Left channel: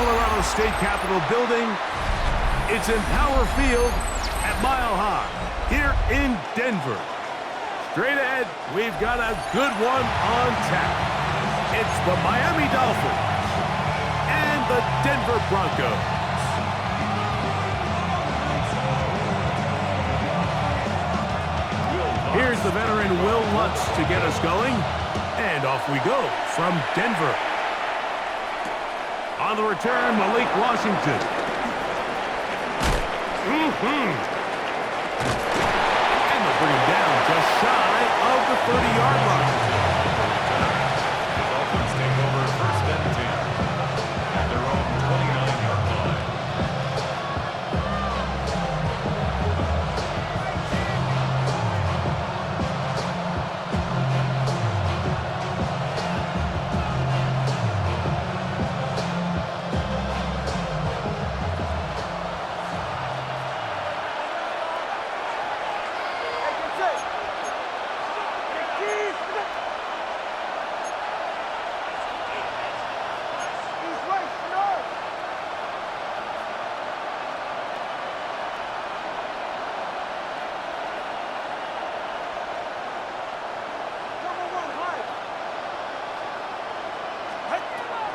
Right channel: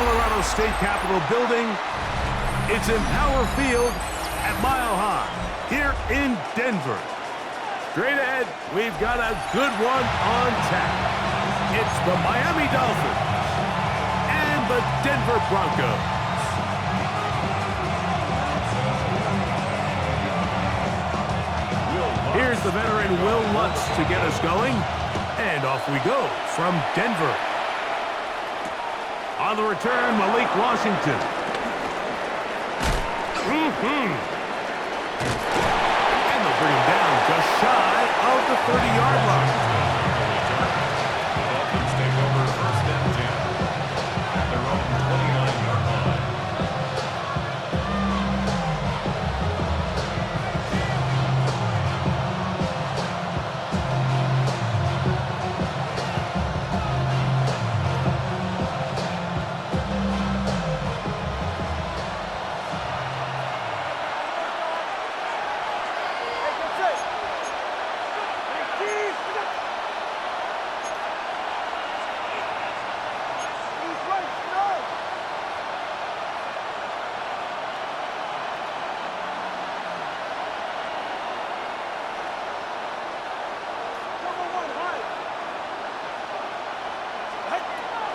Colorado State Capitol building. It's in Power Field at Mile High here in Denver. Straight ahead, we've got a good one on tap. It's the Miami Dolphins and the Denver Broncos. Here's the veteran Will Lutz to get us going. And off we go from Denver. On the return, Malik Washington. And they'll bring him down just shy of the 30-yard line. The Dolphins take over first and 10 at their own 29-yard line.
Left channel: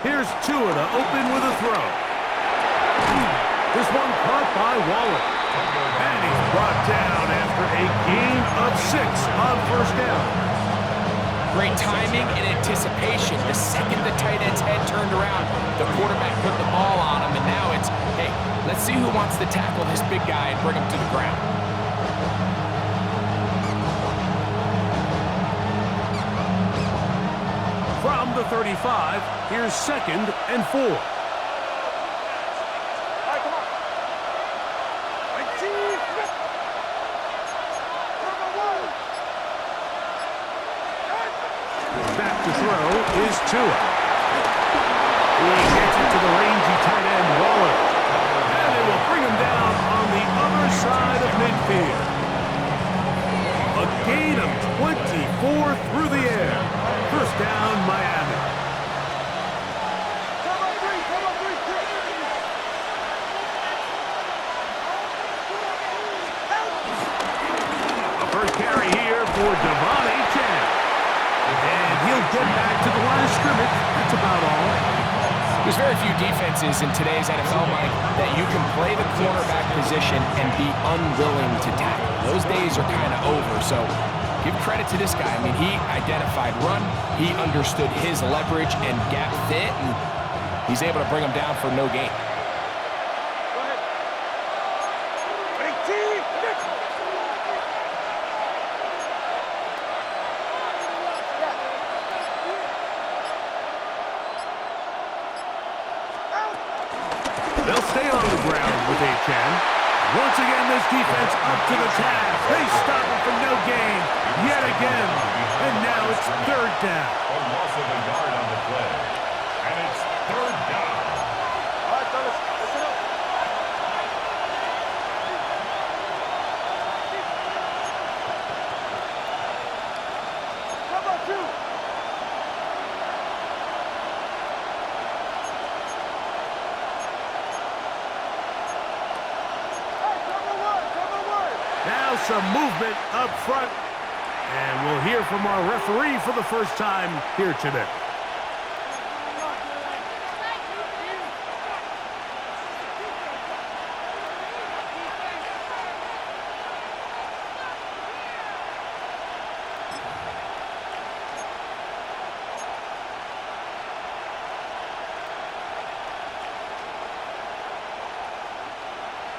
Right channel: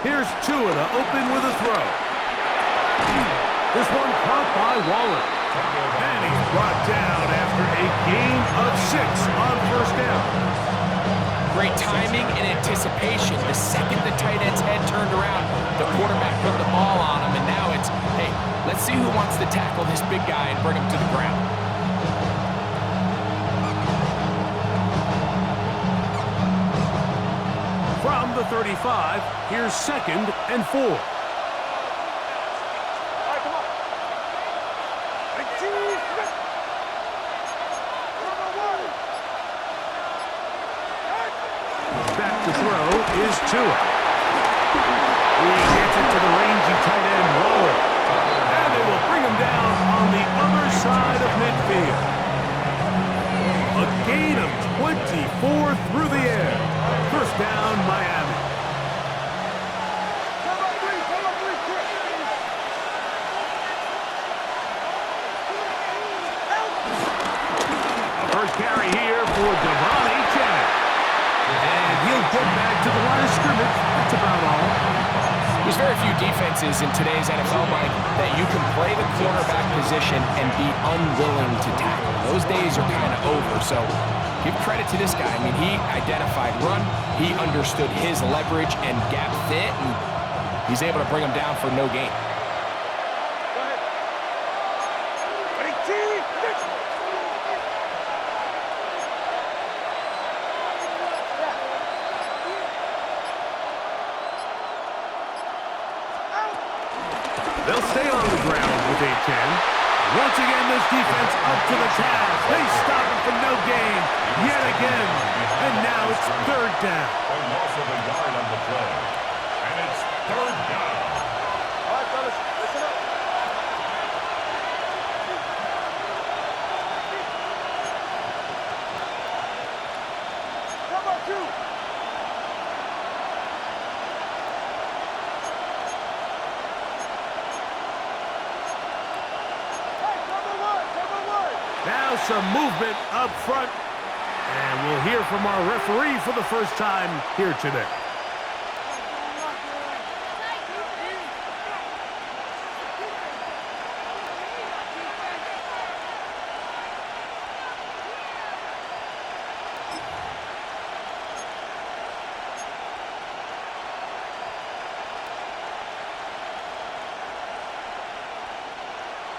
Here's Tua to open with a throw. This one caught by Waller. And he's brought down after a gain of 6 on first down. Great timing and anticipation. The second the tight end's head turned around, the quarterback put the ball on him, and now it's, hey, let's see who wants to tackle this big guy and bring him to the ground. From the 35, here's 2nd and 4. All right, come on. Back to throw is Tua. He gets it to the rangy tight end Waller. And they will bring him down on the other side of midfield. A gain of 24 through the air. First down, Miami. A first carry here for doin. And he'll get back to the line of scrimmage. That's about all. There's very few defenses in today's NFL, Mike, that you can play the cornerback position and be unwilling to tackle. Those days are kind of over, so give credit to this guy. I mean, he identified run, he understood his leverage and gap fit, and he's able to bring him down for no gain. They'll stay on the ground with Achan. Once again, this defense up to the task. They stop him for no gain yet again. And now it's 3rd down. A loss of a yard on the play. And it's 3rd down. All right, fellas, listen up. Come on, 2. Now some movement up front. And we'll hear from our referee for the first time here today.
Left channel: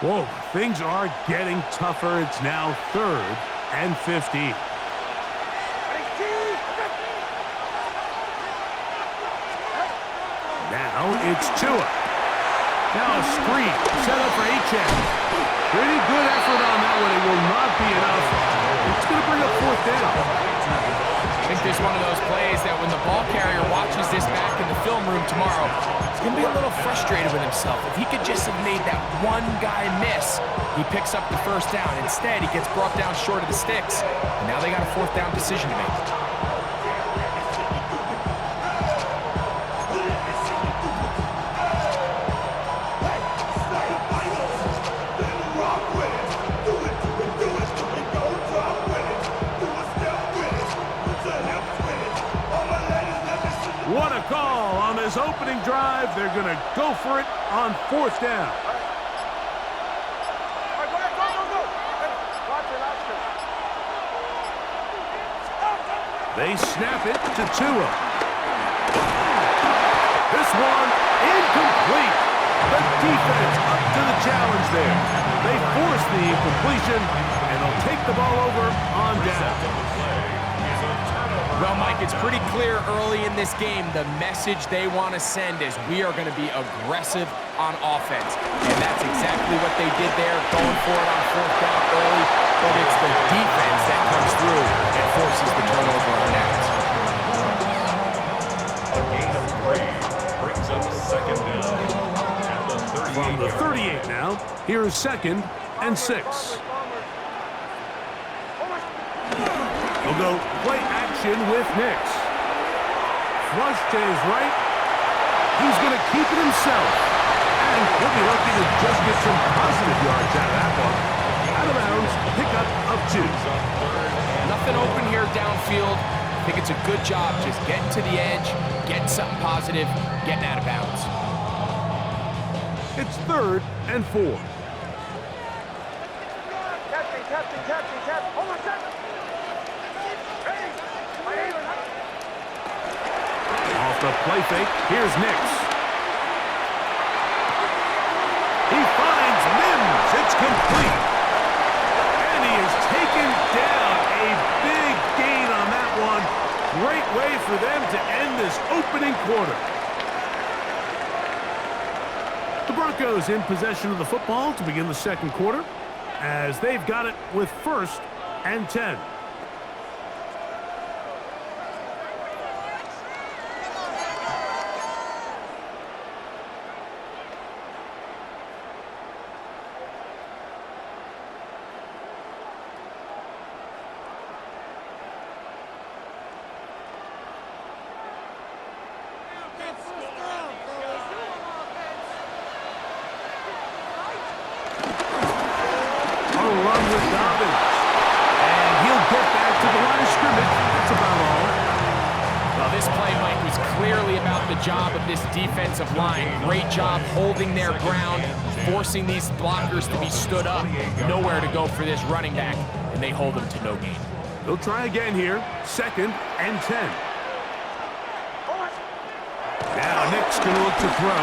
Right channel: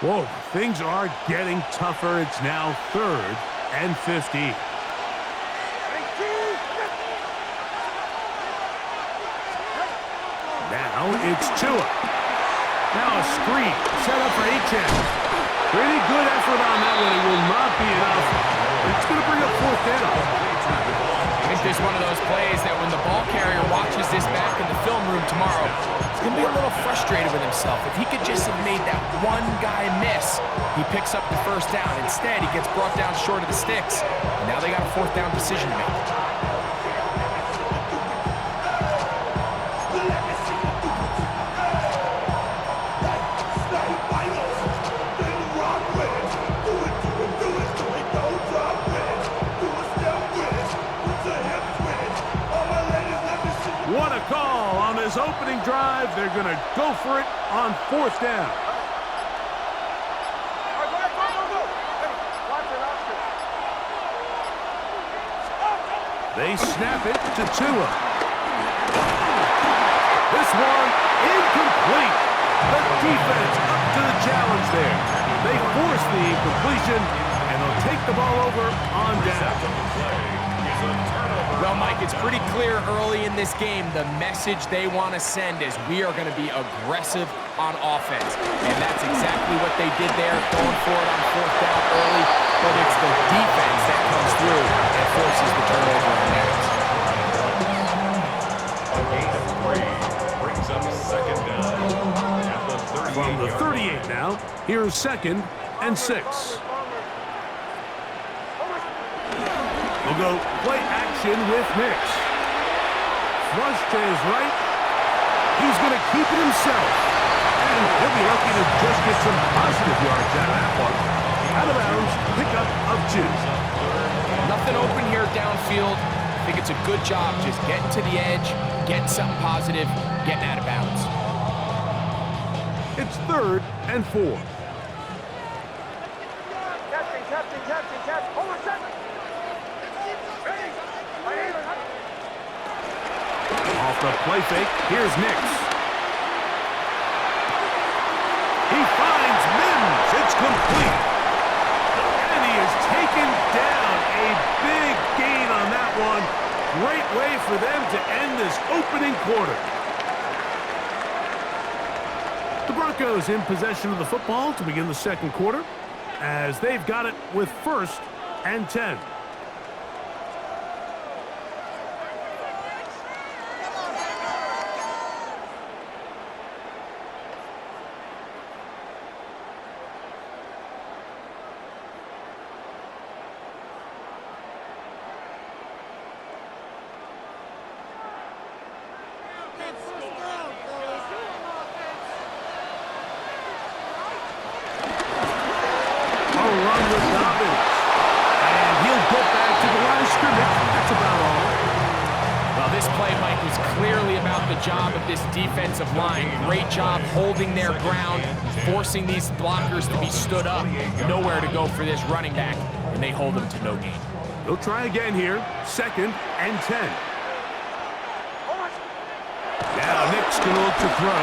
Whoa, things are getting tougher. It's now 3rd and 15. Now it's Tua. Now a screen set up for Achan. Pretty good effort on that one. It will not be enough. It's going to bring up 4th down. I think there's one of those plays that when the ball carrier watches this back in the film room tomorrow, he's going to be a little frustrated with himself. If he could just have made that one guy miss, he picks up the first down. Instead, he gets brought down short of the sticks, and now they got a 4th down decision to make. this opening drive, they're going to go for it on 4th down. All right, go ahead, go. Hey, watch it, Oscar. They snap it to Tua. This one incomplete. The defense up to the challenge there. They force the incompletion, and they'll take the ball over on down. Well, Mike, it's pretty clear early in this game the message they want to send is we are going to be aggressive on offense. And that's exactly what they did there, going for it on 4th down early. But it's the defense that comes through and forces the turnover on downs. A gain of 3 brings up 2nd down at the 38. From the 38 now, here's 2nd and 6. We'll go play action with Nix. Flush to his right. He's going to keep it himself. And he'll be lucky to just get some positive yards out of that one. Out of bounds, pickup of 2. Nothing open here downfield. I think it's a good job just getting to the edge, getting something positive, getting out of bounds. It's 3rd and 4. Captain. Hold on a second. Ready? Off the play fake, here's Nix. He finds Mims. It's complete. And he is taken down. A big gain on that one. Great way for them to end this opening quarter. The Broncos in possession of the football to begin the 2nd quarter, as they've got it with 1st and 10. Run with Dobbins. And he'll get back to the line of scrimmage. That's about all. Well, this play, Mike, was clearly about the job of this defensive line. Great job holding their ground, forcing these blockers to be stood up. Nowhere to go for this running back, and they hold him to no gain. They'll try again here. 2nd and 10. Now Nick's going to look to throw.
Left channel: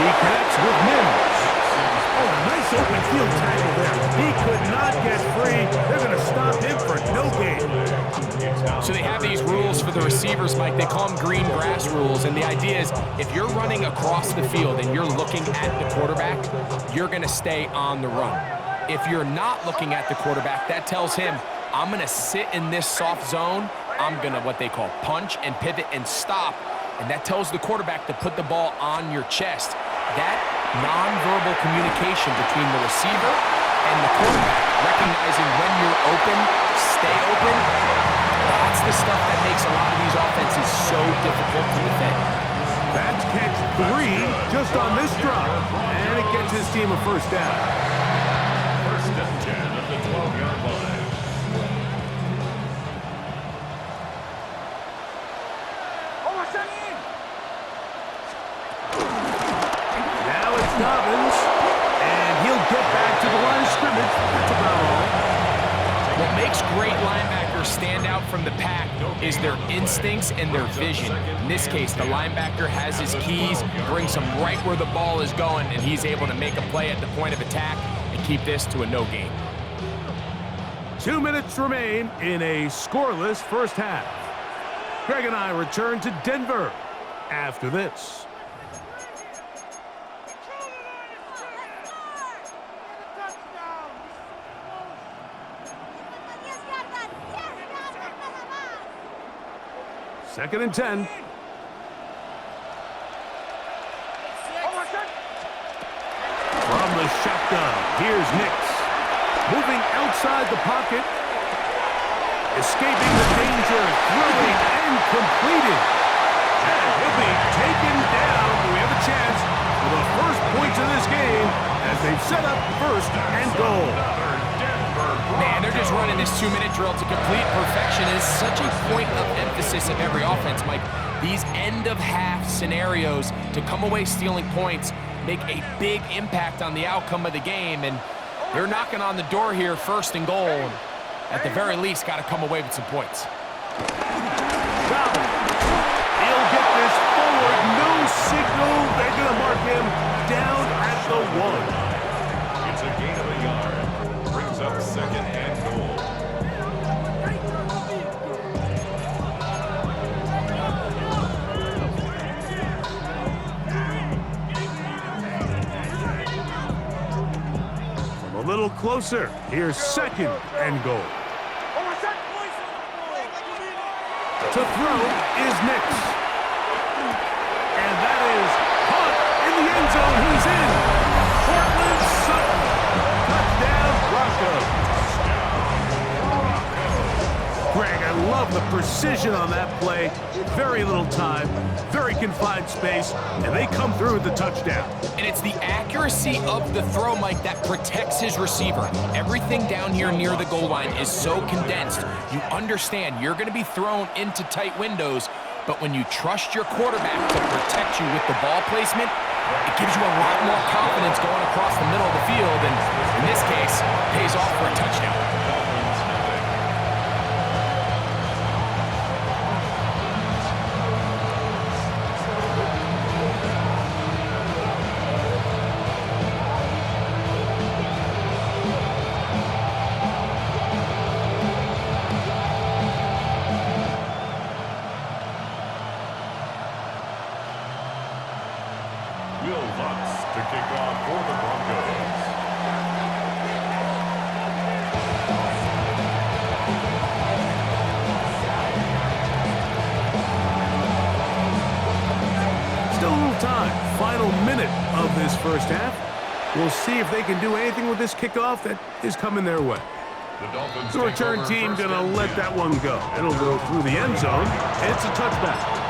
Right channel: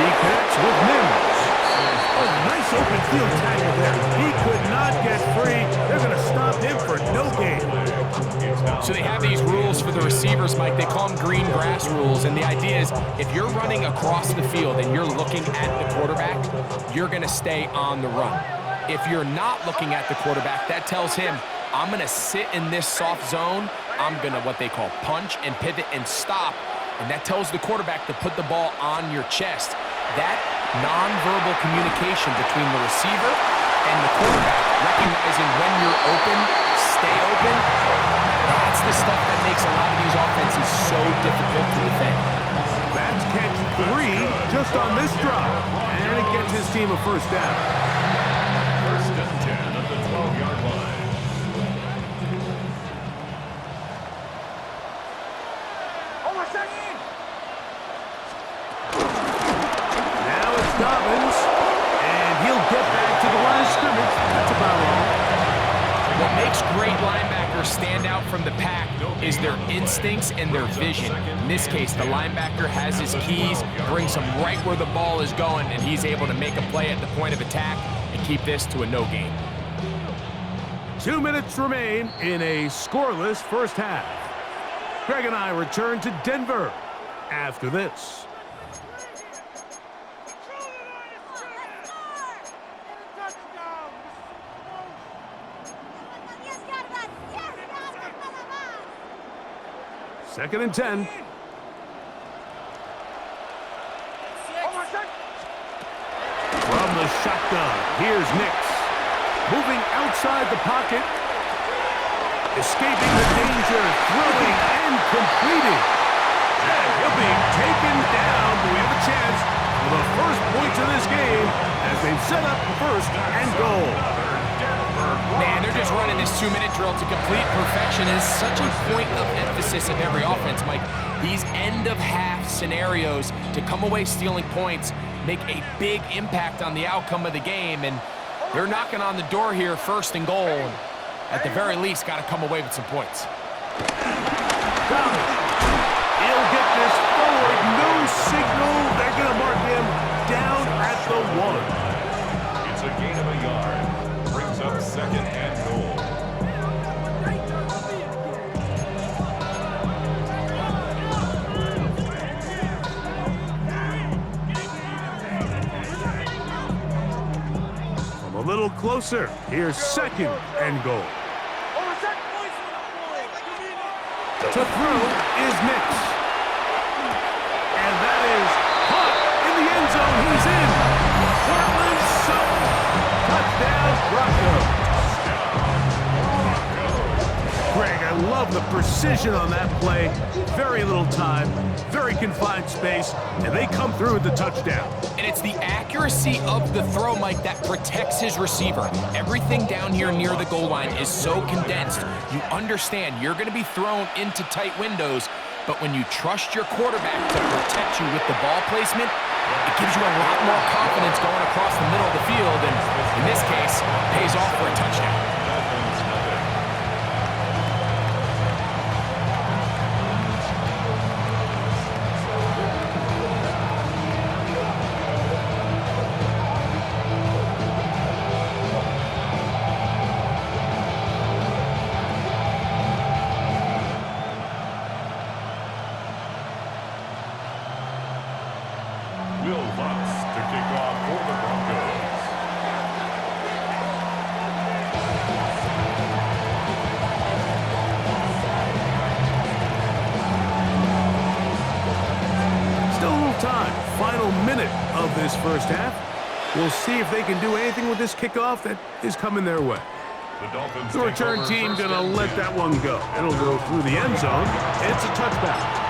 He connects with Mims. Oh, nice open field tackle there. He could not get free. They're going to stop him for no gain. So they have these rules for the receivers, Mike. They call them green grass rules. And the idea is if you're running across the field and you're looking at the quarterback, you're going to stay on the run. If you're not looking at the quarterback, that tells him, I'm going to sit in this soft zone. I'm going to what they call punch and pivot and stop. And that tells the quarterback to put the ball on your chest. That nonverbal communication between the receiver and the quarterback, recognizing when you're open, stay open, that's the stuff that makes a lot of these offenses so difficult to defend. That's catch 3 just on this drive, and it gets his team a 1st down. 1st and 10 at the 12-yard line. Now it's Dobbins, and he'll get back to the line of scrimmage. That's about all. What makes great linebackers stand out from the pack is their instincts and their vision. In this case, the linebacker has his keys, brings him right where the ball is going, and he's able to make a play at the point of attack and keep this to a no gain. 2 minutes remain in a scoreless 1st half. Greg and I return to Denver after this. Second and 10. From the shotgun, here's Nix. Moving outside the pocket. Escaping the danger, throwing and completing. And he'll be taken down. Do we have a chance for the first points of this game as they've set up 1st and goal? Another Denver Man, they're just running this 2-minute drill to complete perfection. It is such a point of emphasis of every offense, Mike. These end-of-half scenarios to come away stealing points make a big impact on the outcome of the game, and they're knocking on the door here, first and goal, and at the very least, got to come away with some points. Domin. He'll get this forward. No signal. They're going to mark him down at the 1. It's a gain of a yard. Brings up second and goal. From a little closer, here's second and goal. To throw is Nix. And that is caught in the end zone. He's in. Portland Sutton. Touchdown, Broncos. Greg, I love the precision on that play. Very little time, very confined space, and they come through with the touchdown. And it's the accuracy of the throw, Mike, that protects his receiver. Everything down here near the goal line is so condensed. You understand you're going to be thrown into tight windows, but when you trust your quarterback to protect you with the ball placement, it gives you a lot more confidence going across the middle of the field, and in this case, pays off for a touchdown. Dolphins nothing. Will Lutz to kick off for the Broncos. Still a little time. Final minute of this first half. We'll see if they can do anything with this kickoff that is coming their way. The Dolphins The take return over team first going to and let 10. that one go. It'll go through the end zone. It's a touchback.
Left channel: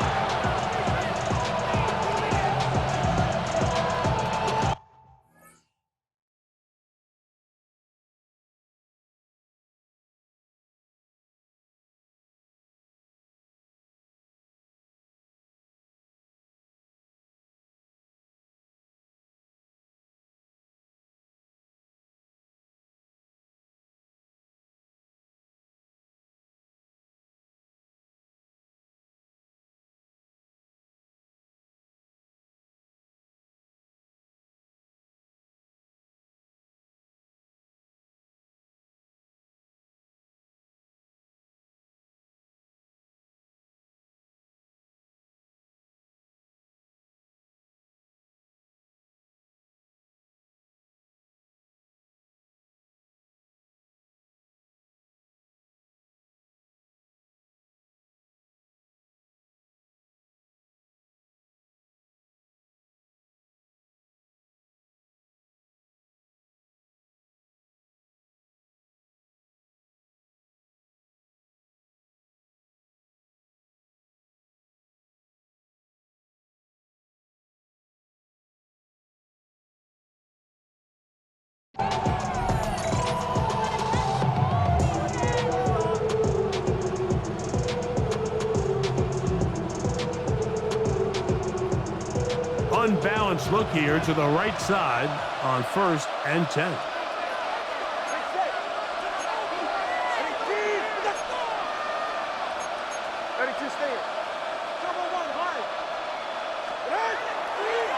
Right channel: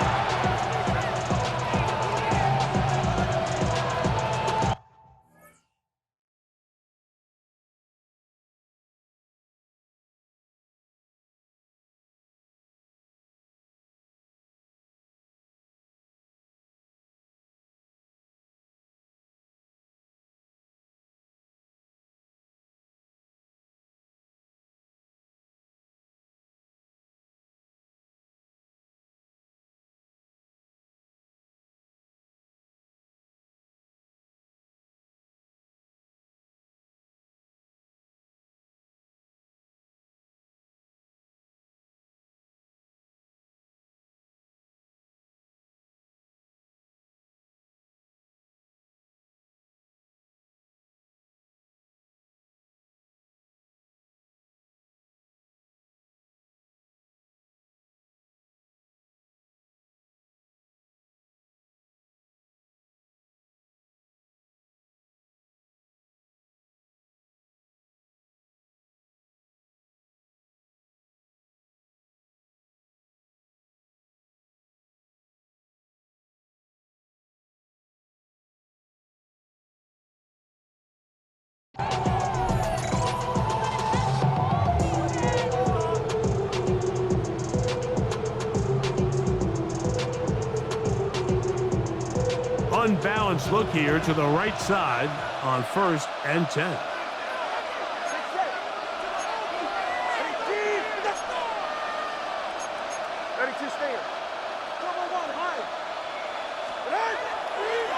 Unbalanced look here to the right side on 1st and 10.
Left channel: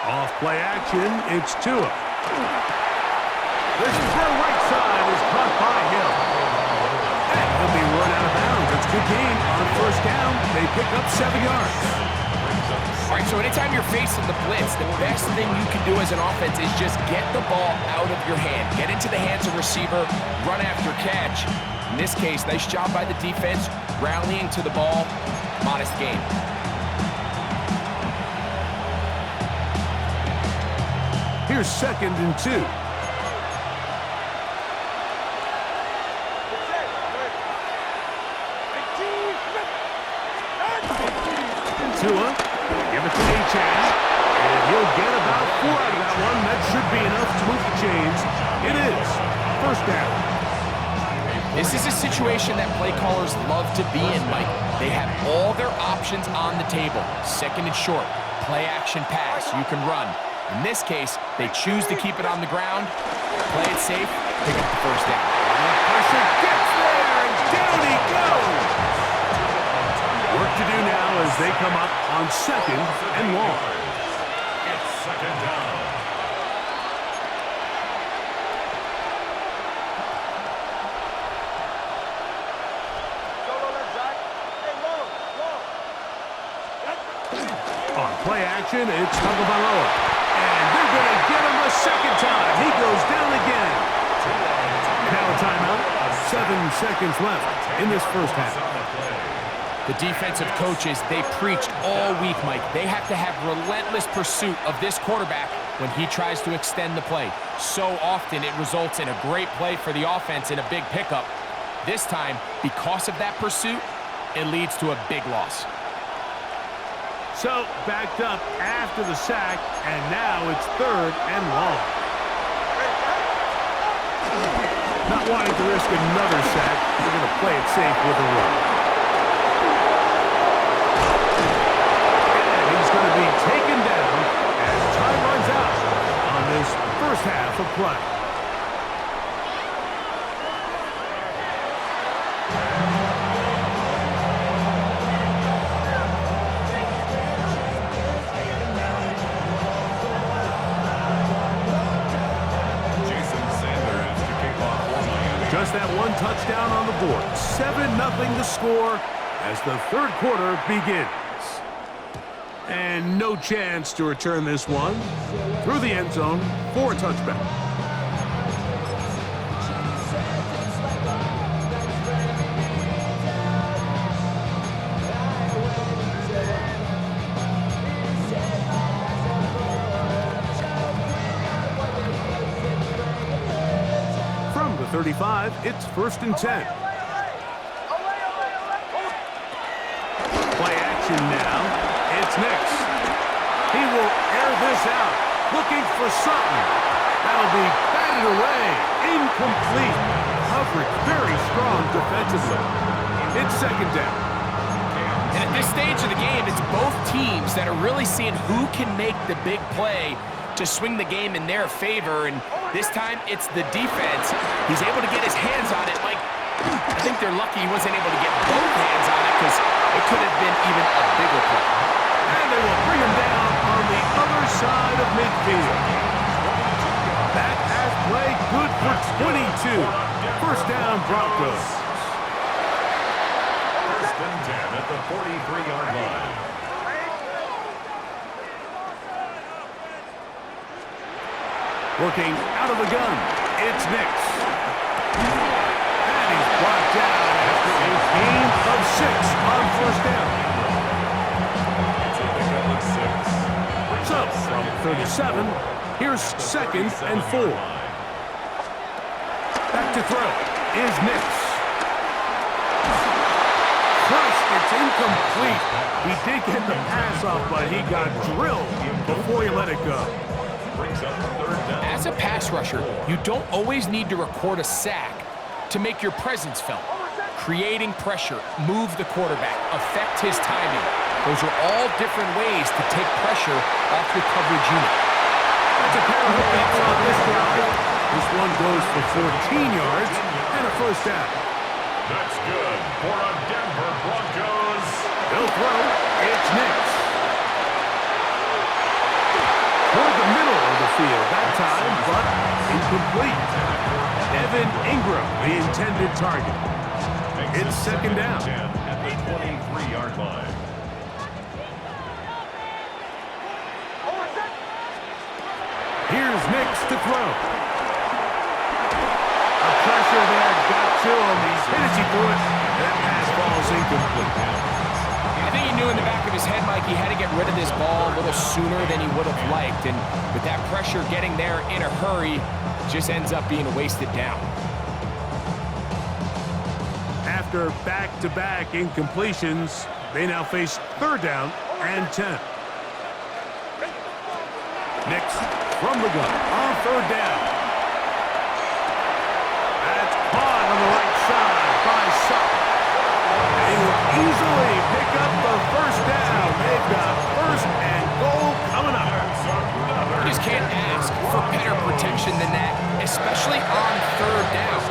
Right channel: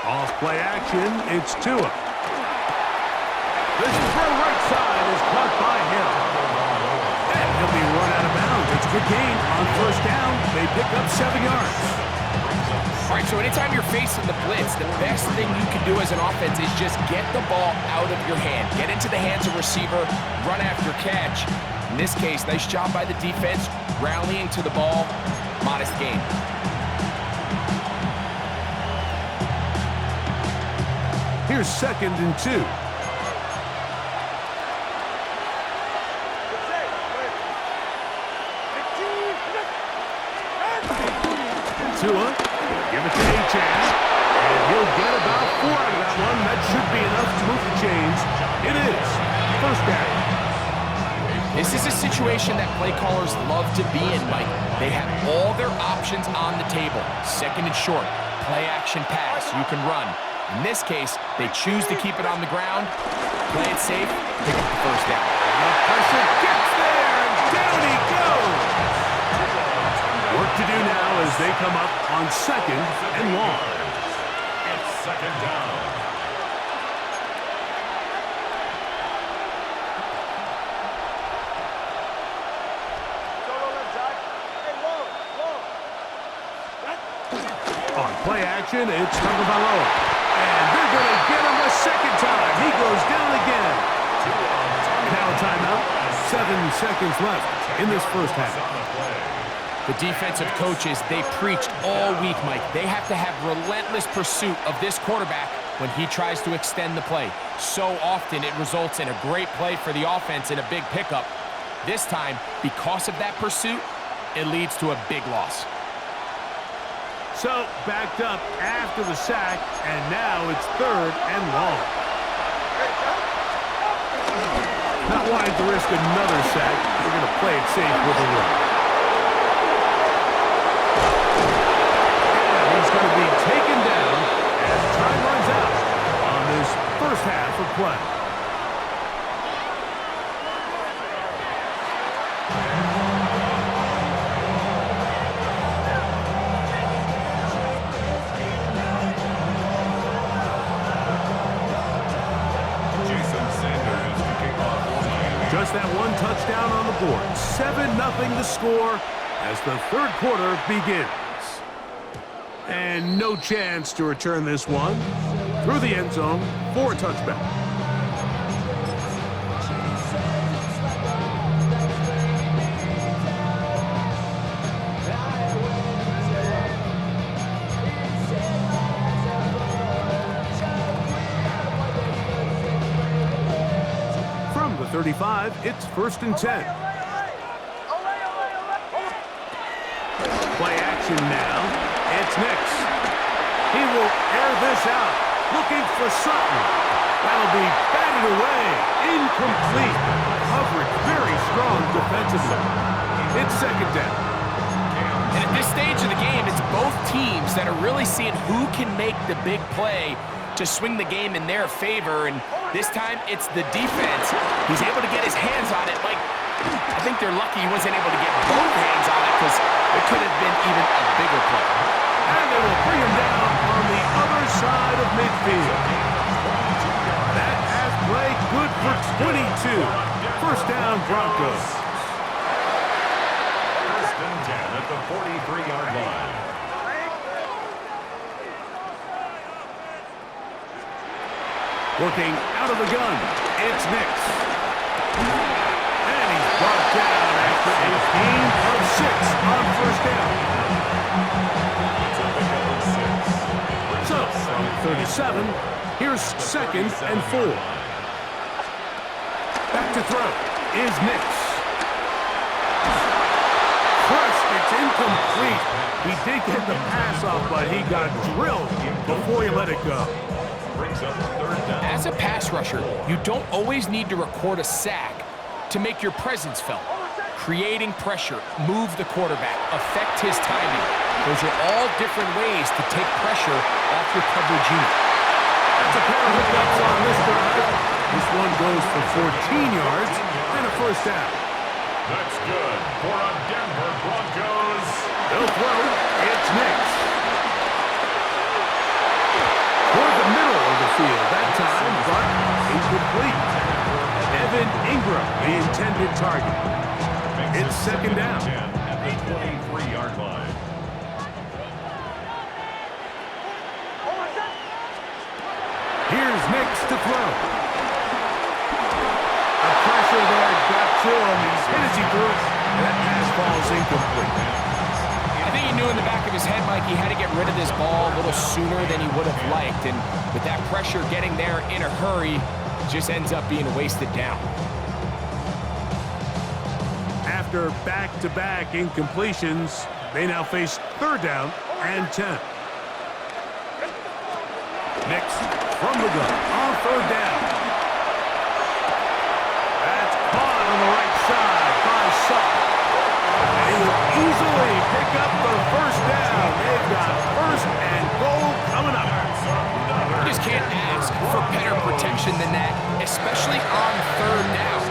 Off play action, it's Tua. This throw right side is caught by Hill. And he'll be run out of bounds. It's a good gain on 1st down. They pick up 7 yards. All right, so anytime you're facing the blitz, the best thing you can do as an offense is just get the ball out of your hand. Get into the hands of receiver, run after catch. In this case, nice job by the defense, rallying to the ball, modest gain. Here's 2nd and 2. Tua, give it to Achan, and he'll get about 4 out of that one. That should be enough to move the chains. It is 1st down. This is a situation that play callers love to be in, Mike. They have all their options on the table. Second and short, play action pass, you can run. In this case, they choose to keep it on the ground, play it safe, pick up the first down. The pressure gets there, and down he goes. Work to do now as they come up on second and long. It's second down. Solo left side. Hey, long, long. On play action, it's Tagovailoa. And they're going to get him a second time. He goes down again. Now a timeout. 7 seconds left in this first half. The defensive coaches, they preached all week, Mike. They have to have relentless pursuit of this quarterback when he tries to extend the play. So often it results in a great play for the offense and a big pickup. This time, because of that pursuit, it leads to a big loss. So, backed up after the sack, and now it's third and long. Not wanting to risk another sack, we're going to play it safe with a run. And he's going to be taken down as time runs out on this first half of play. Just that one touchdown on the board. 7-0 the score as the third quarter begins. And no chance to return this one through the end zone for a touchback. From the 35, it's first and 10. Play action now. It's Nix. He will air this out, looking for something. That'll be batted away. Incomplete. Coverage very strong defensively. It's second down. And at this stage of the game, it's both teams that are really seeing who can make the big play to swing the game in their favor, and this time it's the defense. He's able to get his hands on it. Like, I think they're lucky he wasn't able to get both hands on it because it could have been even a bigger play. And they will bring him down on the other side of midfield. That has played good for 22. First down, Broncos. First and 10 at the 43-yard line. Working out of the gun, it's Nix. And he's brought down after a gain of 6 on first down. It's a pickup of 6. So, from 37, here's second and 4. Back to throw is Nix. Crushed, it's incomplete. He did get the pass off, but he got drilled before he let it go. Brings up third down. As a pass rusher, you don't always need to record a sack to make your presence felt. Creating pressure, move the quarterback, affect his timing. Those are all different ways to take pressure off your coverage unit. That's a pair of hookups on this drive. This one goes for 14 yards and a first down. That's good for a Denver Broncos. They'll throw. It's Nix. Toward the middle of the field that time, but incomplete. Evan Ingram, the intended target. It's second down. At the 23-yard line. Here's Nix to throw. A pressure there got to him. He's hit as he threw it, and that pass falls incomplete. I think he knew in the back of his head, Mike, he had to get rid of this ball a little sooner than he would have liked. And with that pressure getting there in a hurry, it just ends up being a wasted down. After back-to-back incompletions, they now face third down and 10. Nix from the gun on third down. That's caught on the right side. something. They will easily pick up the first down. They've got first and goal coming up. You just can't ask for better protection than that, especially on third down.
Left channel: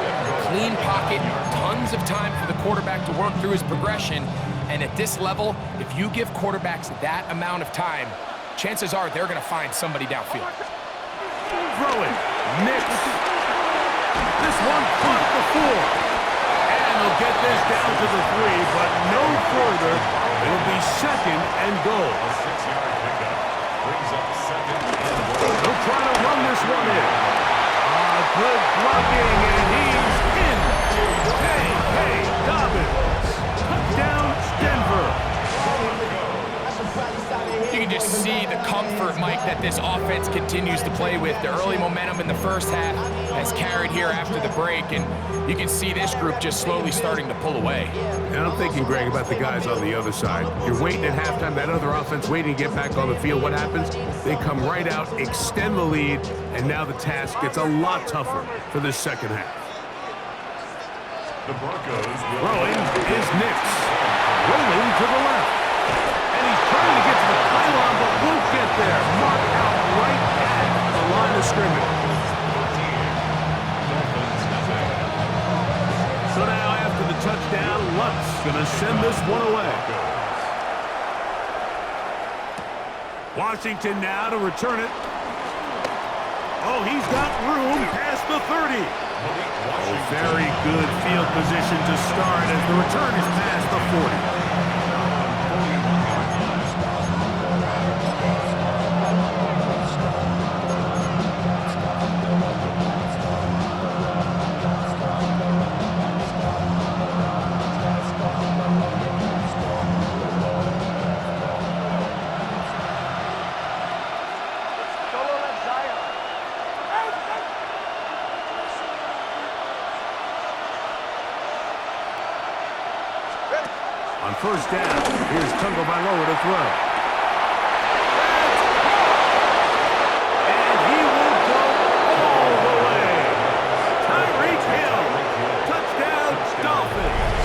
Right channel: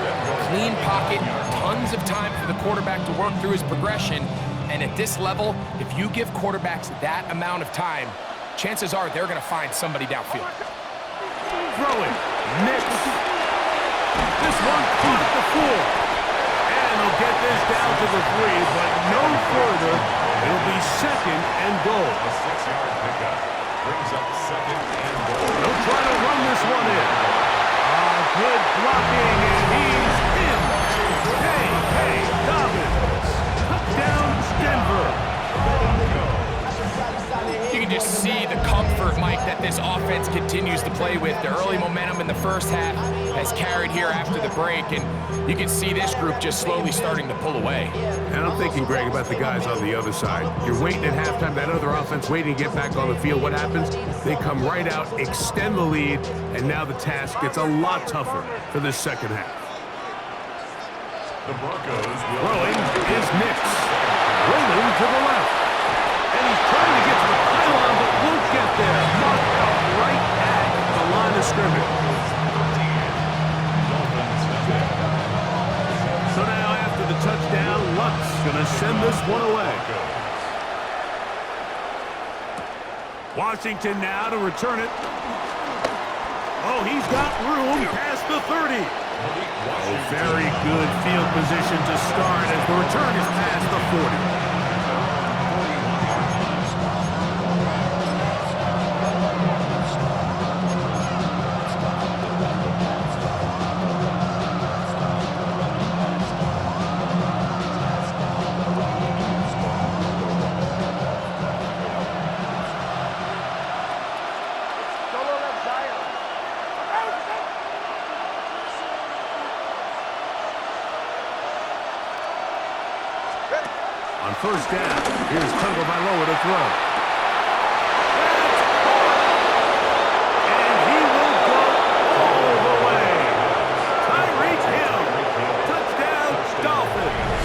Clean pocket, tons of time for the quarterback to work through his progression. And at this level, if you give quarterbacks that amount of time, chances are they're going to find somebody downfield. Throwing, Nix. This one caught at the 4. And they'll get this down to the 3, but no further. It'll be second and goal. A 6-yard pickup brings up second and goal. They'll try to run this one in. Good blocking, and he's in. Hey, Dobbins. Touchdown, Denver. You can just see the comfort, Mike, that this offense continues to play with. The early momentum in the first half has carried here after the break, and you can see this group just slowly starting to pull away. And I'm thinking, Greg, about the guys on the other side. You're waiting at halftime, that other offense waiting to get back on the field. What happens? They come right out, extend the lead, and now the task gets a lot tougher for this second half. The Broncos throwing is Nix. Rolling to the left. And he's trying to get to the pylon, but won't get there. Marked out right at the line of scrimmage. Dolphins nothing. So now after the touchdown, Lutz going to send this one away. Washington now to return it. Oh, he's got room past the 30. Oh, very good field position to start as the return is past the 40. On first down, here's Tagovailoa to throw. That's caught! And he will go all the way. Tyreek Hill. Touchdown, Dolphins.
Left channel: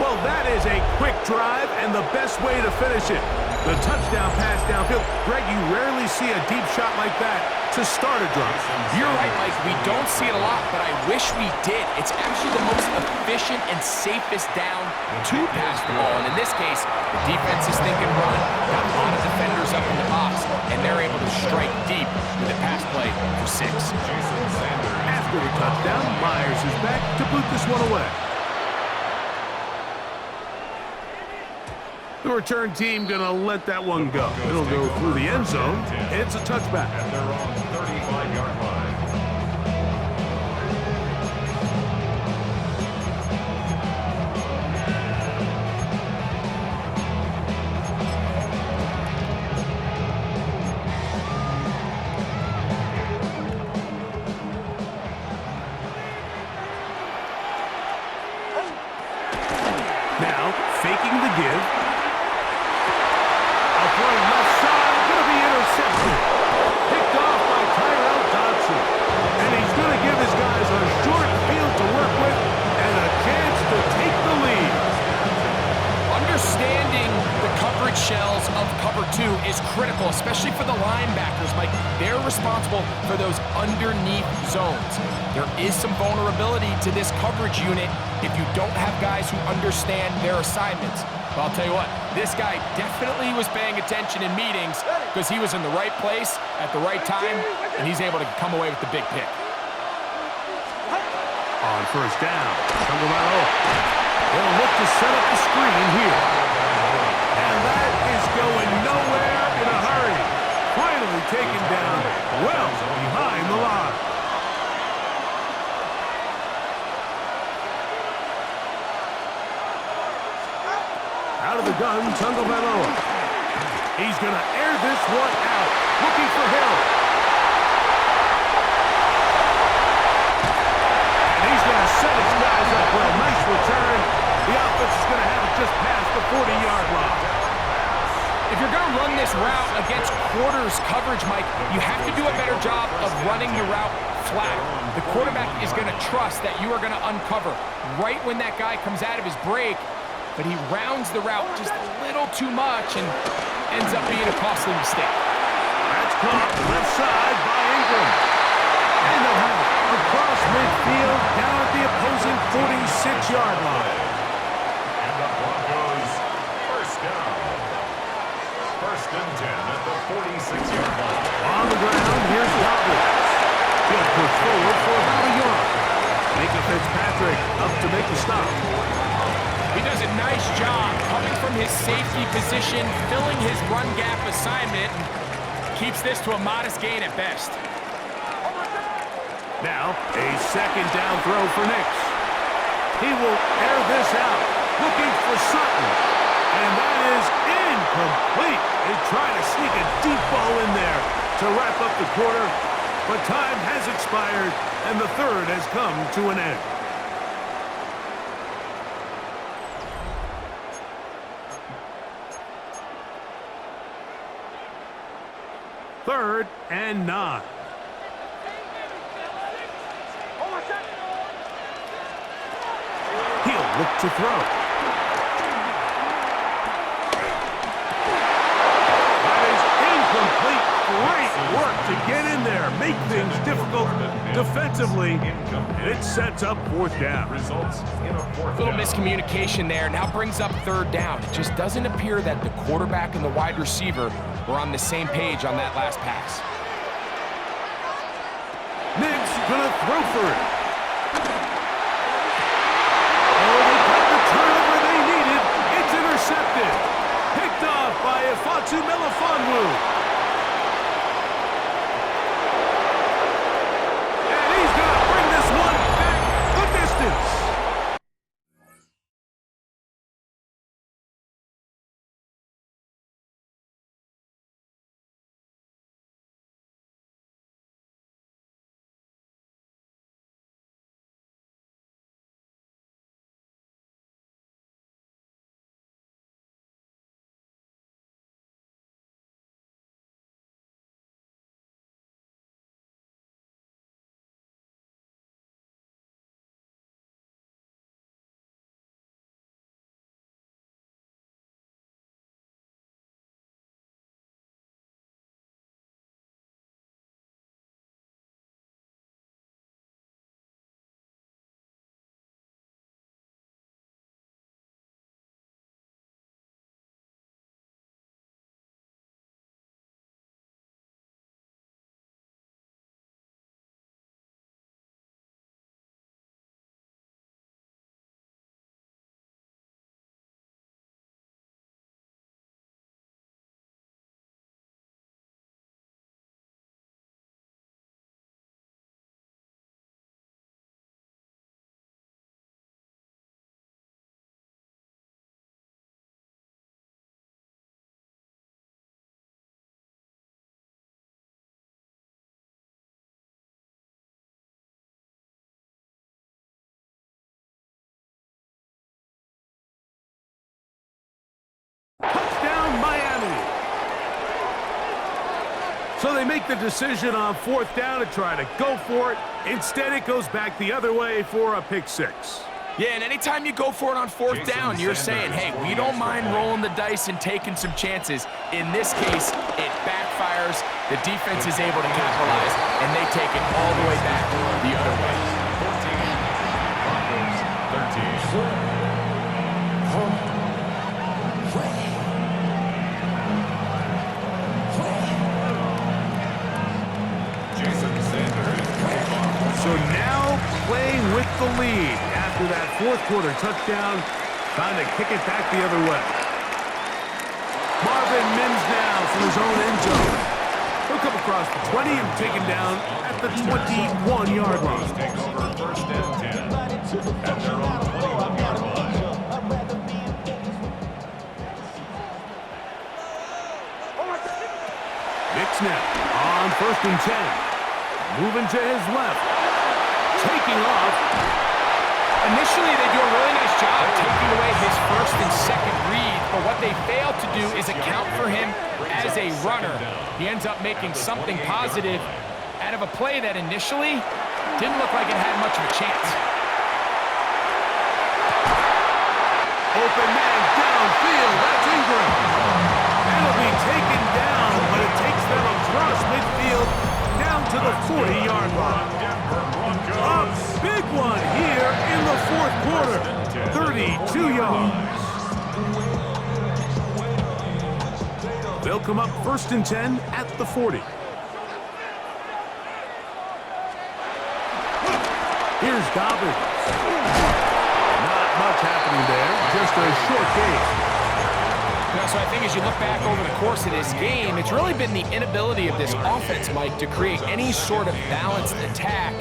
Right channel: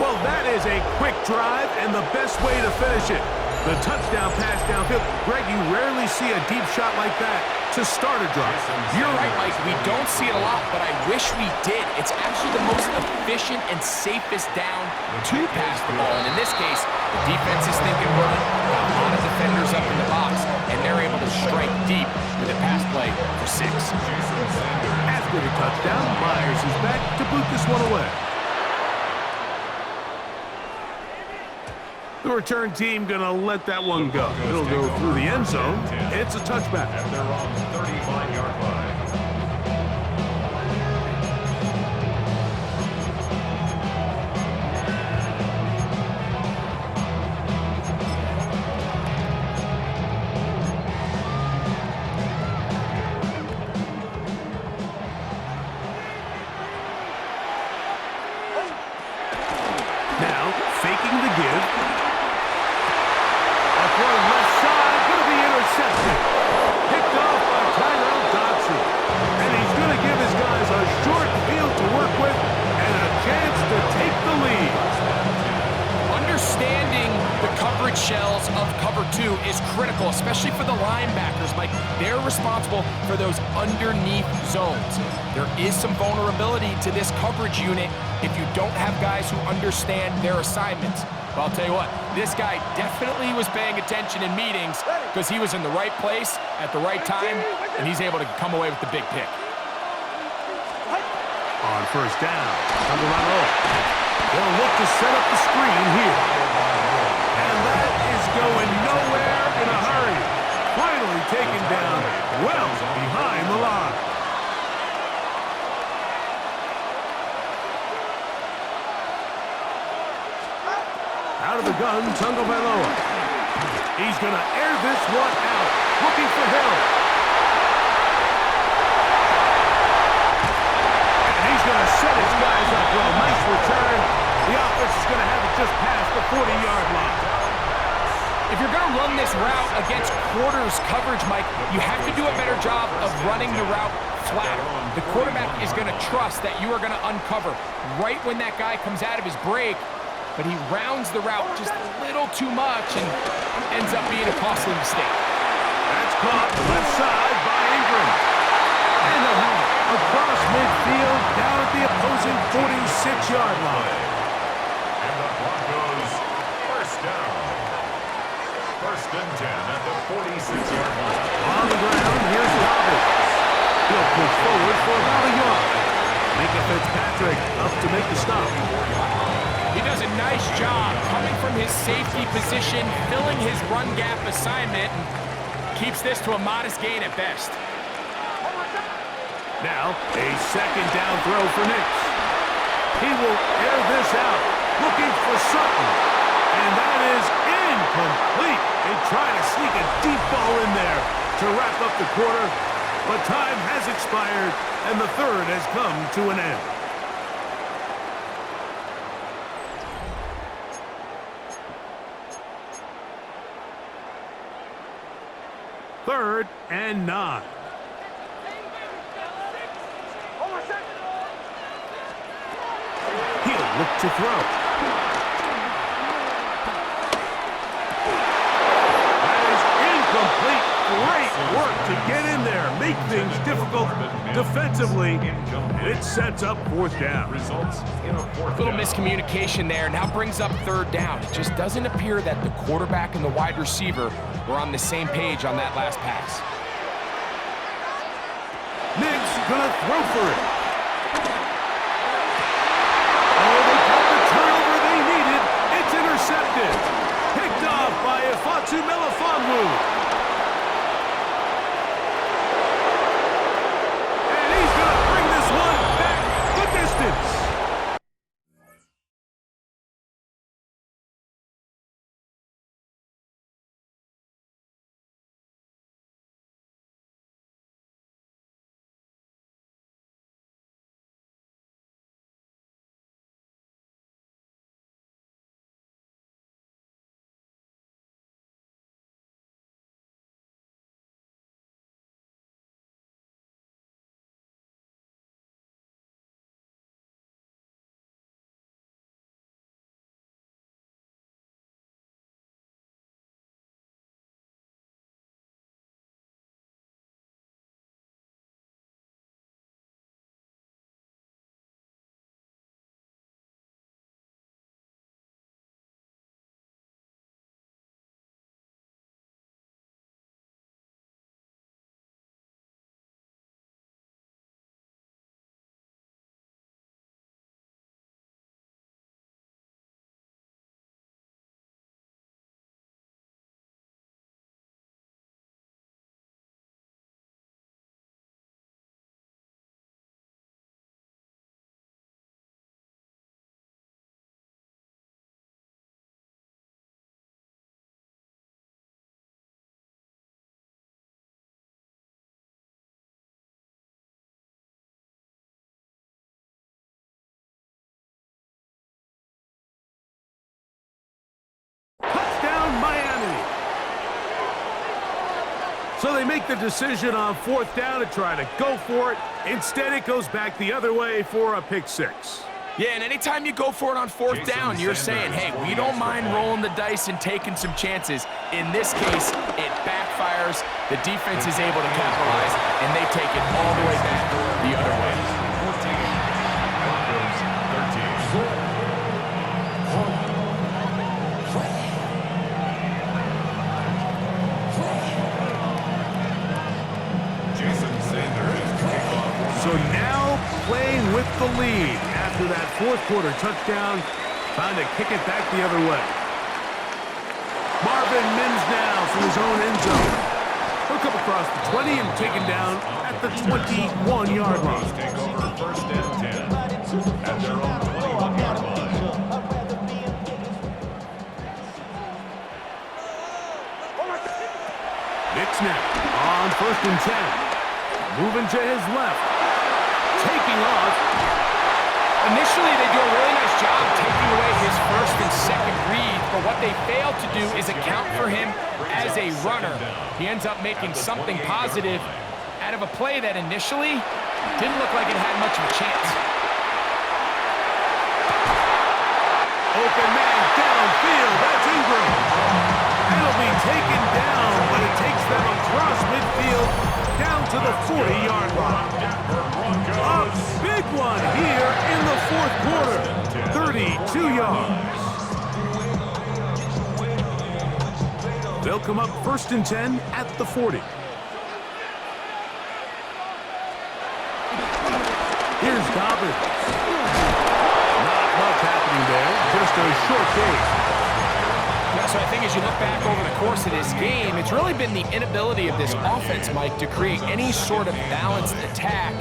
Well, that is a quick drive and the best way to finish it. The touchdown pass downfield. Greg, you rarely see a deep shot like that to start a drive. You're right, Mike. We don't see it a lot, but I wish we did. It's actually the most efficient and safest down to pass the ball. And in this case, the defense is thinking run, got a lot of defenders up in the box, and they're able to strike deep with a pass play for 6. After the touchdown, Myers is back to boot this one away. The return team going to let that one go. It'll go through the end zone. It's a touchback. At their own 35-yard line. Now, faking the give. Throw left side, going to be intercepted. Picked off by Tyrell Dodson. And he's going to give his guys a short field to work with and a chance to take the lead. Understanding the coverage shells of cover 2 is critical, especially for the linebackers, Mike. They're responsible for those underneath zones. There is some vulnerability to this coverage unit if you don't have guys who understand their assignments. Well, I'll tell you what, this guy definitely was paying attention in meetings because he was in the right place at the right time, and he's able to come away with the big pick. On first down, Tagovailoa. They'll look to set up the screen here. And that is going nowhere in a hurry. Finally taken down well behind the line. Out of the gun, Tagovailoa. He's going to air this one out, looking for Hill. And he's going to set his guys up well. Nice return. The offense is going to have it just past the 40-yard line. If you're going to run this route against quarters coverage, Mike, you have to do a better job of running the route flatter. The quarterback is going to trust that you are going to uncover right when that guy comes out of his break, but he rounds the route just a little too much and ends up being a costly mistake. That's caught left side by Ingram. And they'll have it across midfield down at the opposing 46-yard line. And the Broncos first down. First and 10 at the 46-yard line. On the ground, here's Dobbins. He'll push forward for about a yard. Minka Fitzpatrick up to make the stop. He does a nice job coming from his safety position, filling his run gap assignment, and keeps this to a modest gain at best. Now, a second down throw for Nix. He will air this out, looking for Sutton. And that is incomplete. They try to sneak a deep ball in there to wrap up the quarter, but time has expired, and the third has come to an end. Third and 9. He'll look to throw. That is incomplete. Great work to get in there, make things difficult defensively, and it sets up fourth down. Results in a fourth Little down. miscommunication there, now brings up third down. It just doesn't appear that the quarterback and the wide receiver were on the same page on that last pass. Nix gonna throw for it. Oh, they got the turnover they needed. It's intercepted. Picked off by Ifeatu Melifonwu. And he's gonna bring this one back the distance. Touchdown, Miami. So they make the decision on fourth down to try to go for it. Instead, it goes back the other way for a pick six. Yeah, and anytime you go for it on fourth down, you're saying, hey, we don't mind rolling the dice and taking some chances. In this case, it backfires. The defense is able to capitalize, and they take it all the way back the other way. 14, Broncos 13. So now playing with the lead after that fourth quarter touchdown, trying to kick it back the other way. Marvin Mims now from his own end zone. He'll come across the 20 and taken down at the 21-yard line. Take over first and 10 at their own 21-yard line. Nix now on first and 10. Moving to his left. Taking off. Initially, they do a really nice job taking away his first and second read, but what they fail to do is account for him as a runner. He ends up making something positive out of a play that initially Didn't look like it had much of a chance. Open man downfield. That's Ingram. That'll be taken down, but it takes them across midfield down to the 40-yard line. A big one here in the fourth quarter. 32 yards. They'll come up 1st and 10 at the 40. Here's Dobbins. Not much happening there. Just a short game. So I think as you look back over the course of this game, it's really been the inability of this offense, Mike, to create any sort of balanced attack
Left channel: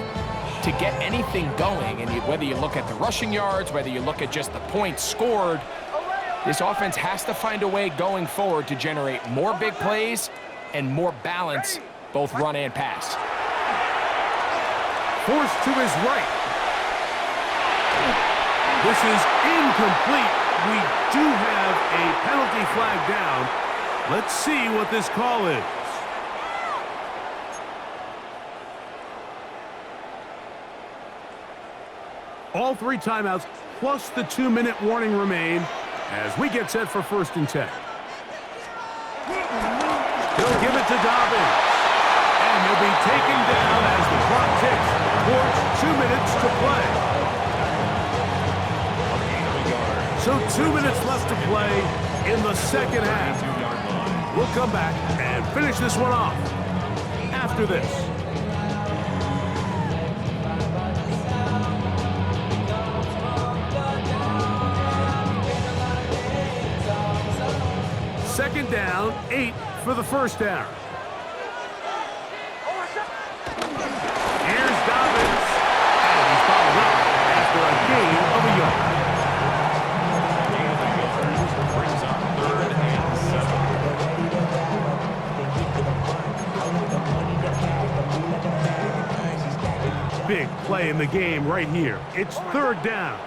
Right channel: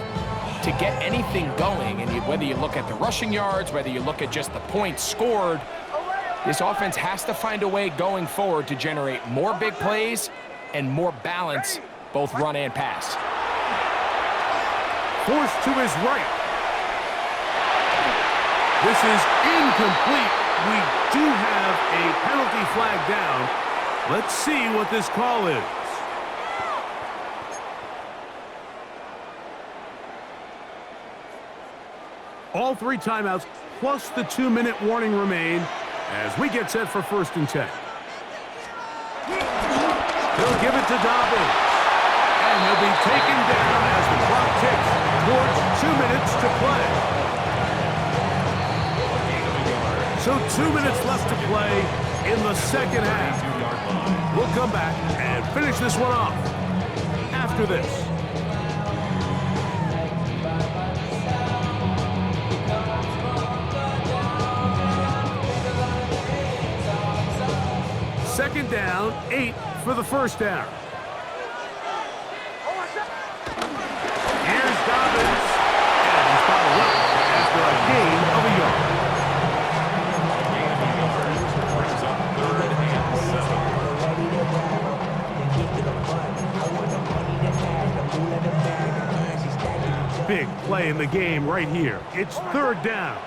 to get anything going. And whether you look at the rushing yards, whether you look at just the points scored, this offense has to find a way going forward to generate more big plays and more balance, both run and pass. Forced to his right. This is incomplete. We do have a penalty flag down. Let's see what this call is. All 3 timeouts plus the 2-minute warning remain as we get set for 1st and 10. He'll give it to Dobbins. And he'll be taken down as the clock ticks towards 2 minutes to play. So 2 minutes left to play in the second half. We'll come back and finish this one off after this. Second down, 8 for the first down. Here's Dobbins, and he's bottled up after a gain of a yard. Brings up 3rd and 7. Big play in the game right here. It's 3rd down.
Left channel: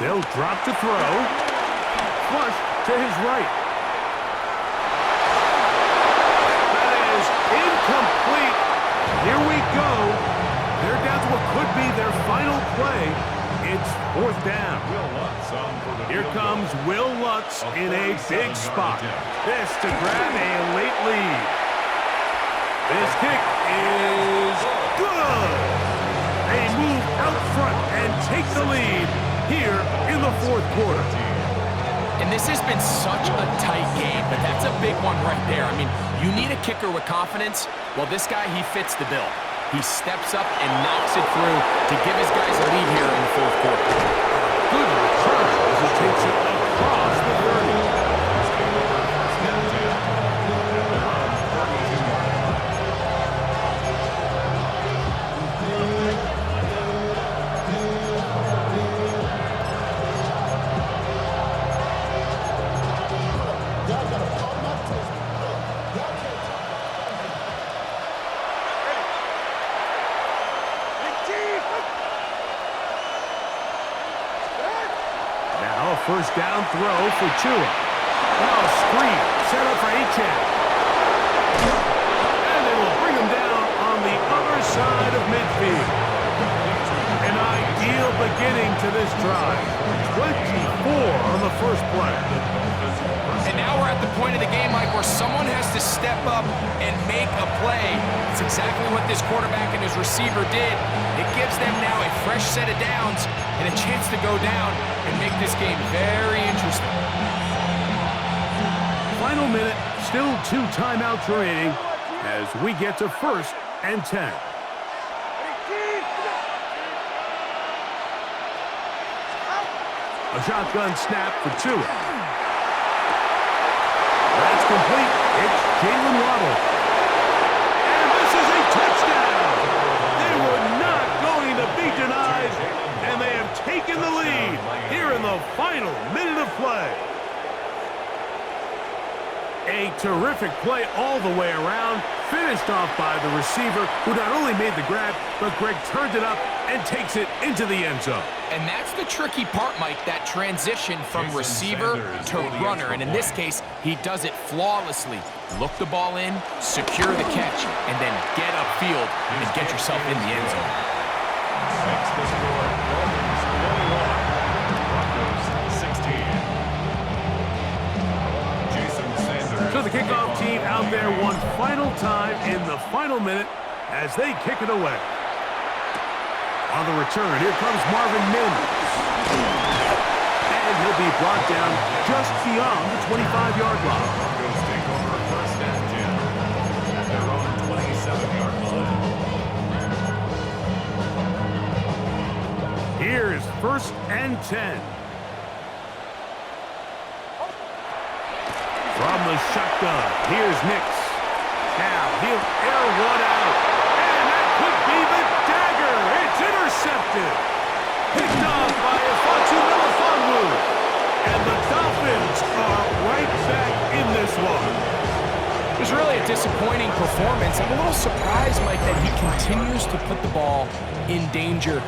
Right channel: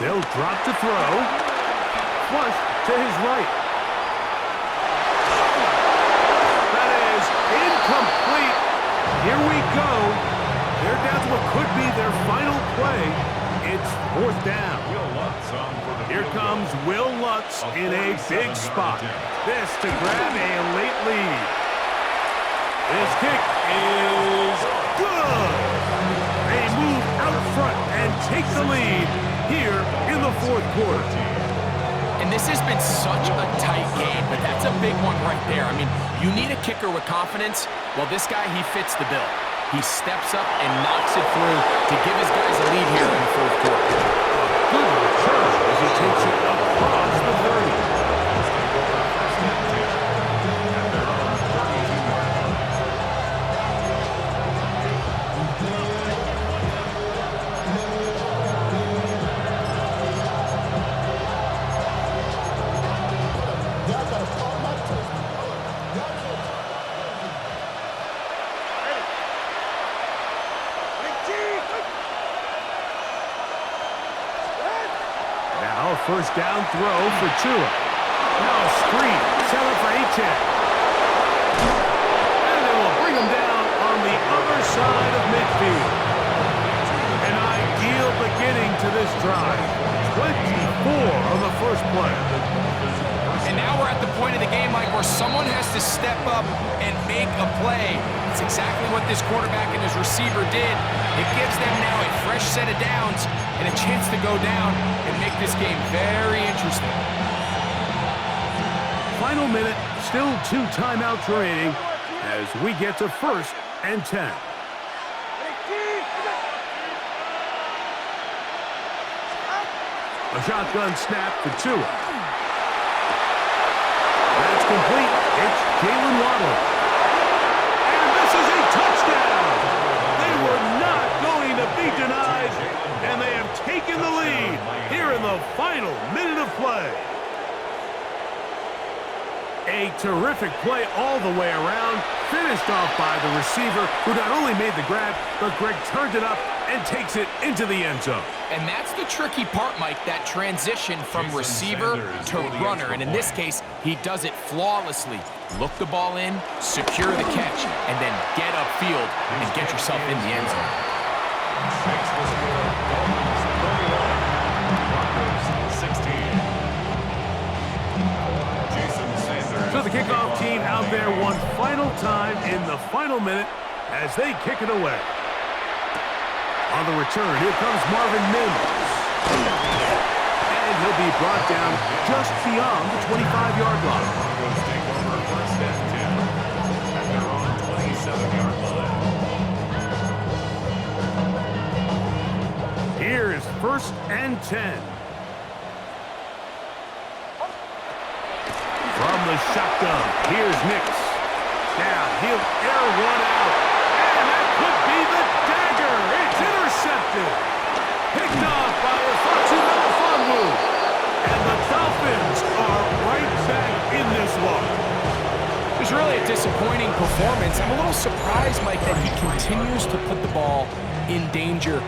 They'll drop to throw. Flush to his right. That is incomplete. Here we go. They're down to what could be their final play. It's 4th down. Here comes Will Lutz in a big spot. This to grab a late lead. This kick is good. They move out front and take the lead here in the 4th quarter. And this has been such a tight game, but that's a big one right there. I mean, you need a kicker with confidence. Well, this guy, he fits the bill. He steps up and knocks it through to give his guys a lead here in the 4th quarter. Good return as he takes it across the 30. Let's take over 1st and 10 at their own 32-yard line. Y'all gotta pop my taste. Y'all can't talk about Now a 1st down throw for Tua. Now a screen set up for Achane. And they will bring him down on the other side of midfield. An ideal beginning to this drive. 24 on the first play. And now we're at the point of the game, Mike, where someone has to step up and make a play. It's exactly what this quarterback and his receiver did. It gives them now a fresh set of downs and a chance to go down and make this game very interesting. Final minute, still 2 timeouts remaining as we get to 1st and 10. A shotgun snap for Tua. That's complete. It's Jalen Waddle. And this is a touchdown. They were not going to be denied, and they have taken the lead here in the final minute of play. A terrific play all the way around, finished off by the receiver, who not only made the grab, but Greg turned it up and takes it into the end zone. And that's the tricky part, Mike, that transition from receiver to runner. And in this case, he does it flawlessly. Look the ball in, secure the catch, and then get upfield and get yourself in the end zone. Makes the score Dolphins 21, Broncos 16. So the kickoff team out there one final time in the final minute as they kick it away. On the return, here comes Marvin Mims. And he'll be brought down just beyond the 25-yard line. Broncos take over first and 10 at their own 27-yard line. Here's first and 10. From the shotgun, here's Nix. Now he'll air one out. And that could be the dagger. It's intercepted. Picked off by Ifeatu Melifonwu. And the Dolphins are right back in this one. It was really a disappointing performance. I'm a little surprised, Mike, that he continues to put the ball in danger